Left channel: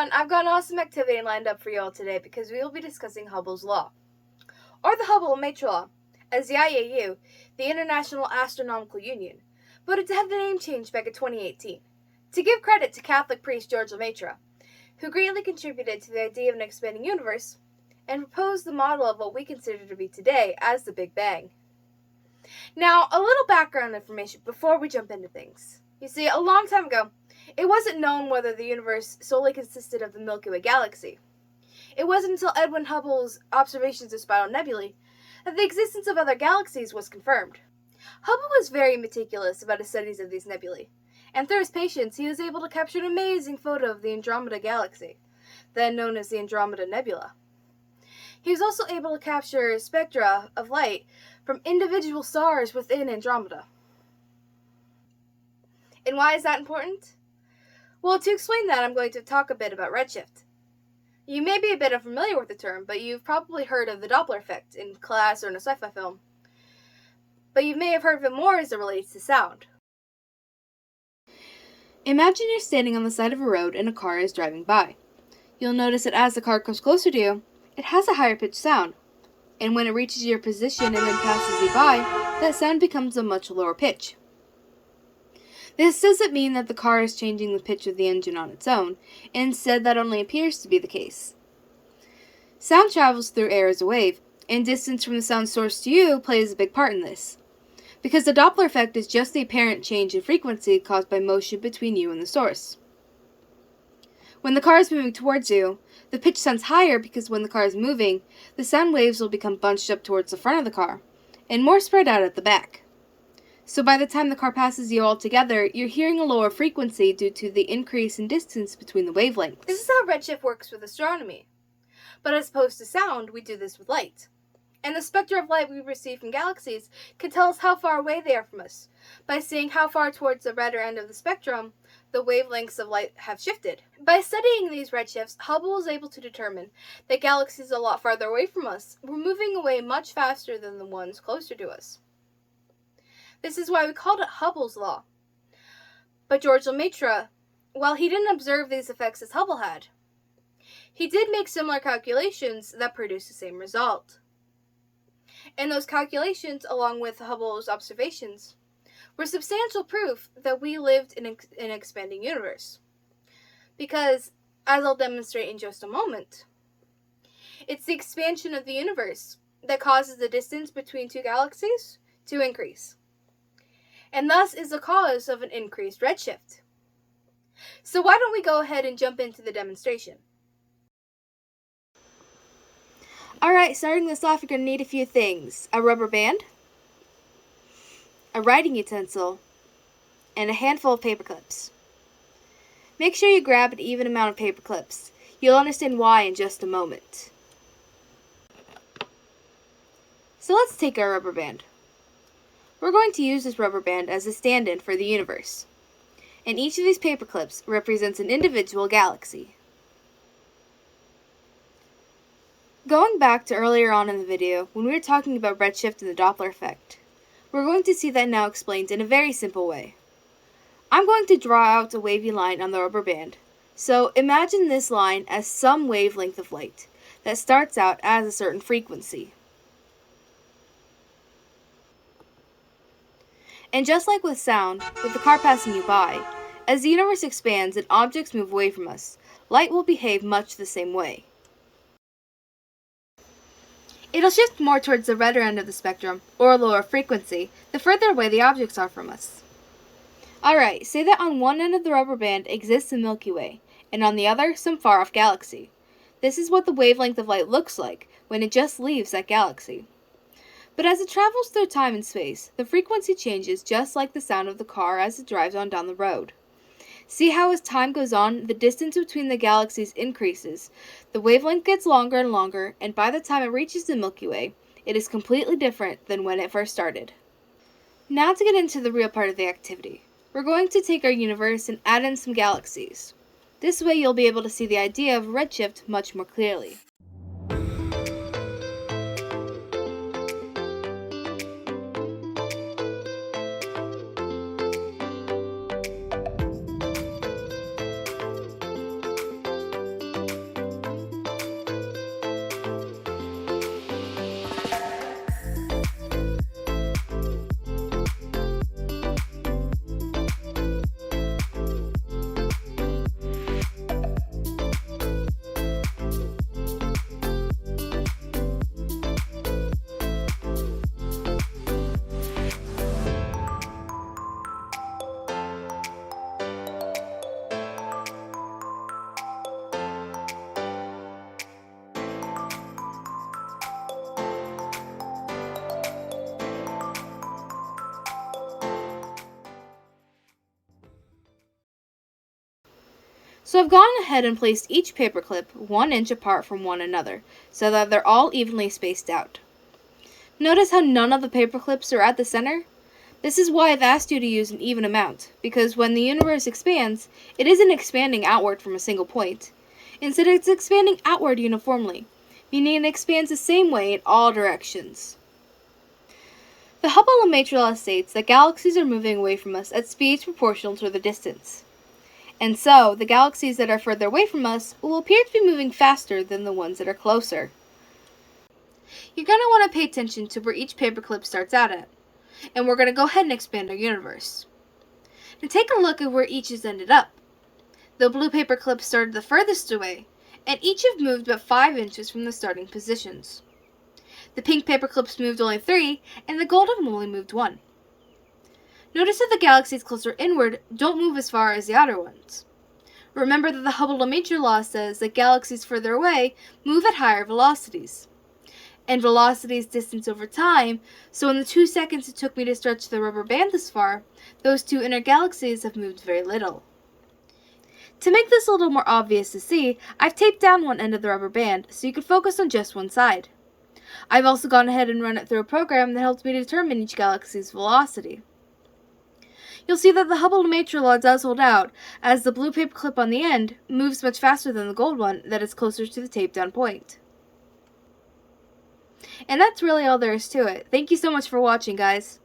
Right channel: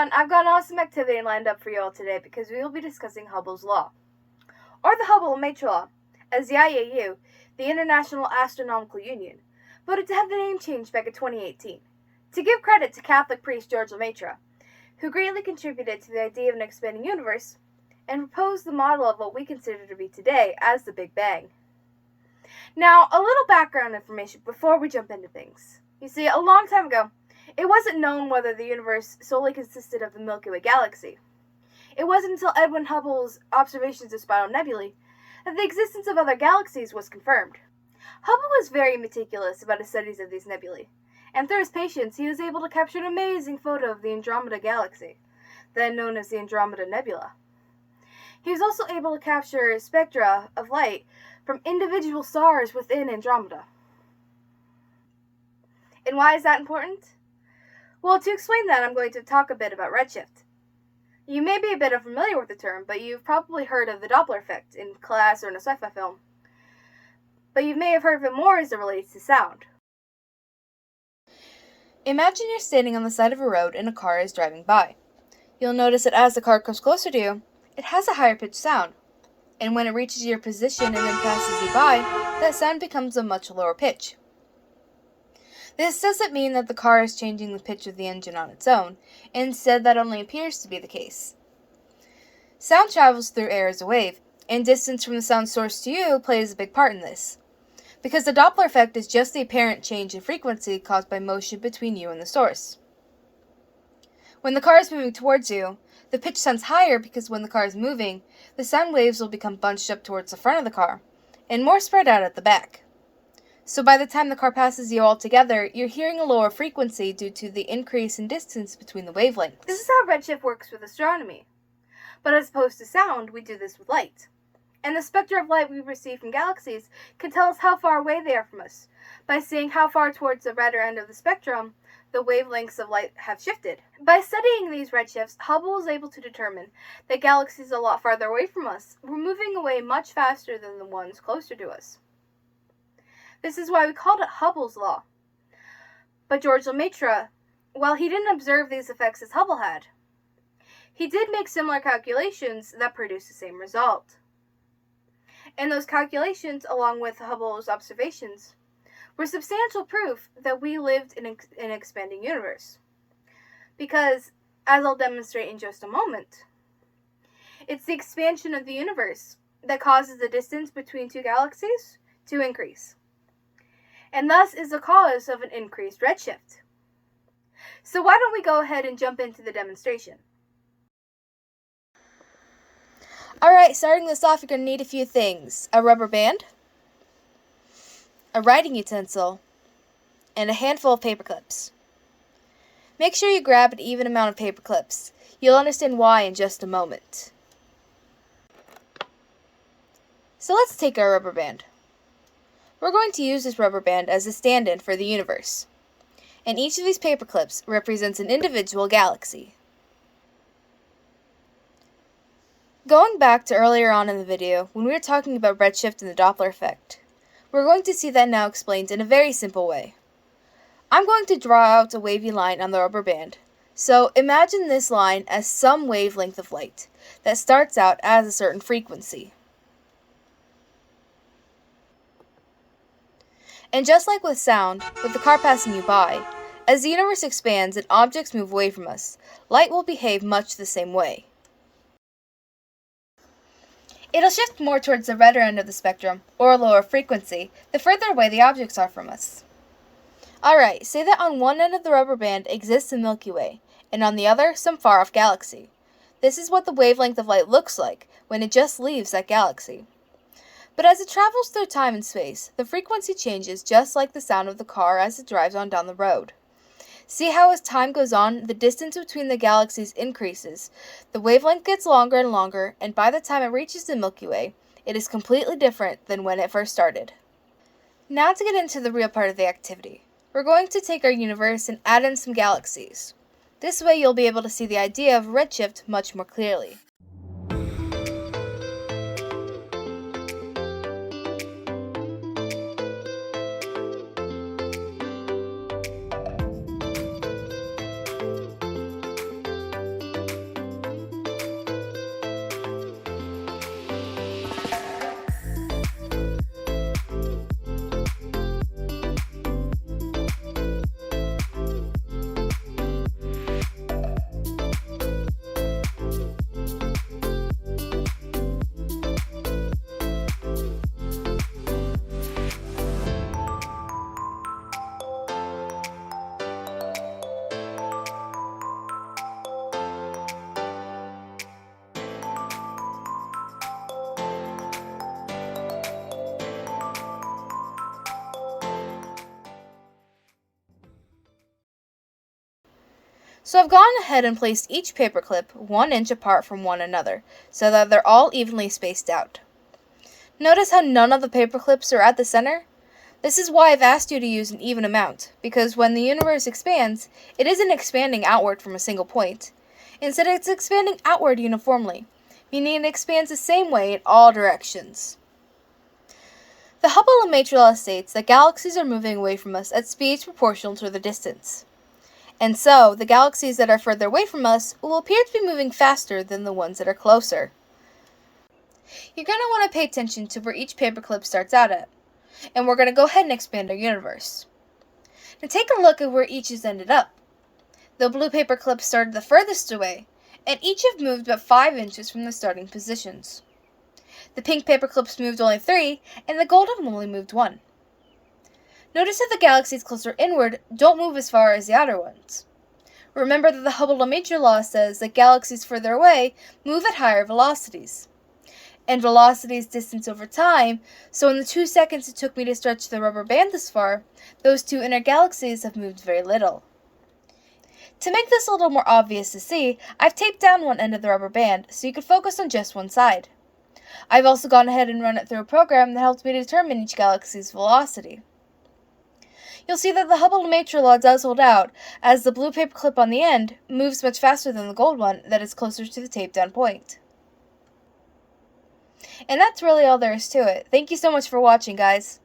everyone, I've got an awesome activity lined up for you all today because we will be discussing Hubble's Law, or the Hubble-Lemaitre Law, as the IAU, the International Astronomical Union, voted to have the name changed back in 2018, to give credit to Catholic priest George Lemaitre, who greatly contributed to the idea of an expanding universe, and proposed the model of what we consider to be today as the Big Bang. Now, a little background information before we jump into things. You see, a long time ago, it wasn't known whether the universe solely consisted of the Milky Way galaxy. It wasn't until Edwin Hubble's observations of spiral nebulae that the existence of other galaxies was confirmed. Hubble was very meticulous about his studies of these nebulae, and through his patience he was able to capture an amazing photo of the Andromeda galaxy, then known as the Andromeda Nebula. He was also able to capture spectra of light from individual stars within Andromeda. And why is that important? Well, to explain that, I'm going to talk a bit about redshift. You may be a bit unfamiliar with the term, but you've probably heard of the Doppler Effect in class or in a sci-fi film. But you may have heard of it more as it relates to sound. Imagine you're standing on the side of a road and a car is driving by. You'll notice that as the car comes closer to you, it has a higher pitched sound. And when it reaches your position and then passes you by, that sound becomes a much lower pitch. This doesn't mean that the car is changing the pitch of the engine on its own. Instead, that only appears to be the case. Sound travels through air as a wave, and distance from the sound source to you plays a big part in this, because the Doppler effect is just the apparent change in frequency caused by motion between you and the source. When the car is moving towards you, the pitch sounds higher because when the car is moving, the sound waves will become bunched up towards the front of the car, and more spread out at the back. So by the time the car passes you all together, you're hearing a lower frequency due to the increase in distance between the wavelengths. This is how redshift works with astronomy. But as opposed to sound, we do this with light. And the spectra of light we receive from galaxies can tell us how far away they are from us, by seeing how far towards the redder end of the spectrum the wavelengths of light have shifted. By studying these redshifts, Hubble was able to determine that galaxies a lot farther away from us were moving away much faster than the ones closer to us. This is why we called it Hubble's Law. But George Lemaitre, while he didn't observe these effects as Hubble had, he did make similar calculations that produced the same result. And those calculations, along with Hubble's observations, were substantial proof that we lived in an expanding universe. Because, as I'll demonstrate in just a moment, it's the expansion of the universe that causes the distance between two galaxies to increase, and thus is the cause of an increased redshift. So why don't we go ahead and jump into the demonstration? Alright, starting this off, you're going to need a few things. A rubber band, a writing utensil, and a handful of paper clips. Make sure you grab an even amount of paper clips. You'll understand why in just a moment. So let's take our rubber band. We're going to use this rubber band as a stand-in for the universe. And each of these paper clips represents an individual galaxy. Going back to earlier on in the video, when we were talking about redshift and the Doppler effect, we're going to see that now explained in a very simple way. I'm going to draw out a wavy line on the rubber band. So imagine this line as some wavelength of light that starts out as a certain frequency. And just like with sound, with the car passing you by, as the universe expands and objects move away from us, light will behave much the same way. It'll shift more towards the redder end of the spectrum, or a lower frequency, the further away the objects are from us. Alright, say that on one end of the rubber band exists the Milky Way, and on the other, some far-off galaxy. This is what the wavelength of light looks like when it just leaves that galaxy. But as it travels through time and space, the frequency changes just like the sound of the car as it drives on down the road. See how as time goes on, the distance between the galaxies increases, the wavelength gets longer and longer, and by the time it reaches the Milky Way, it is completely different than when it first started. Now to get into the real part of the activity. We're going to take our universe and add in some galaxies. This way you'll be able to see the idea of redshift much more clearly. So I've gone ahead and placed each paperclip 1 inch apart from one another, so that they're all evenly spaced out. Notice how none of the paperclips are at the center? This is why I've asked you to use an even amount, because when the universe expands, it isn't expanding outward from a single point. Instead, it's expanding outward uniformly, meaning it expands the same way in all directions. The Hubble-Lemaitre law states that galaxies are moving away from us at speeds proportional to the distance. And so, the galaxies that are further away from us will appear to be moving faster than the ones that are closer. You're going to want to pay attention to where each paperclip starts out at, and we're going to go ahead and expand our universe. Now take a look at where each has ended up. The blue paperclip started the furthest away, and each have moved about 5 inches from the starting positions. The pink paperclips moved only 3, and the gold have only moved 1. Notice that the galaxies closer inward don't move as far as the outer ones. Remember that the Hubble-Lemaitre law says that galaxies further away move at higher velocities. And velocity is distance over time, so in the 2 seconds it took me to stretch the rubber band this far, those two inner galaxies have moved very little. To make this a little more obvious to see, I've taped down one end of the rubber band so you can focus on just one side. I've also gone ahead and run it through a program that helps me determine each galaxy's velocity. You'll see that the Hubble-Lemaitre law does hold out, as the blue paperclip on the end moves much faster than the gold one that is closer to the taped down point. And that's really all there is to it. Thank you so much for watching, guys.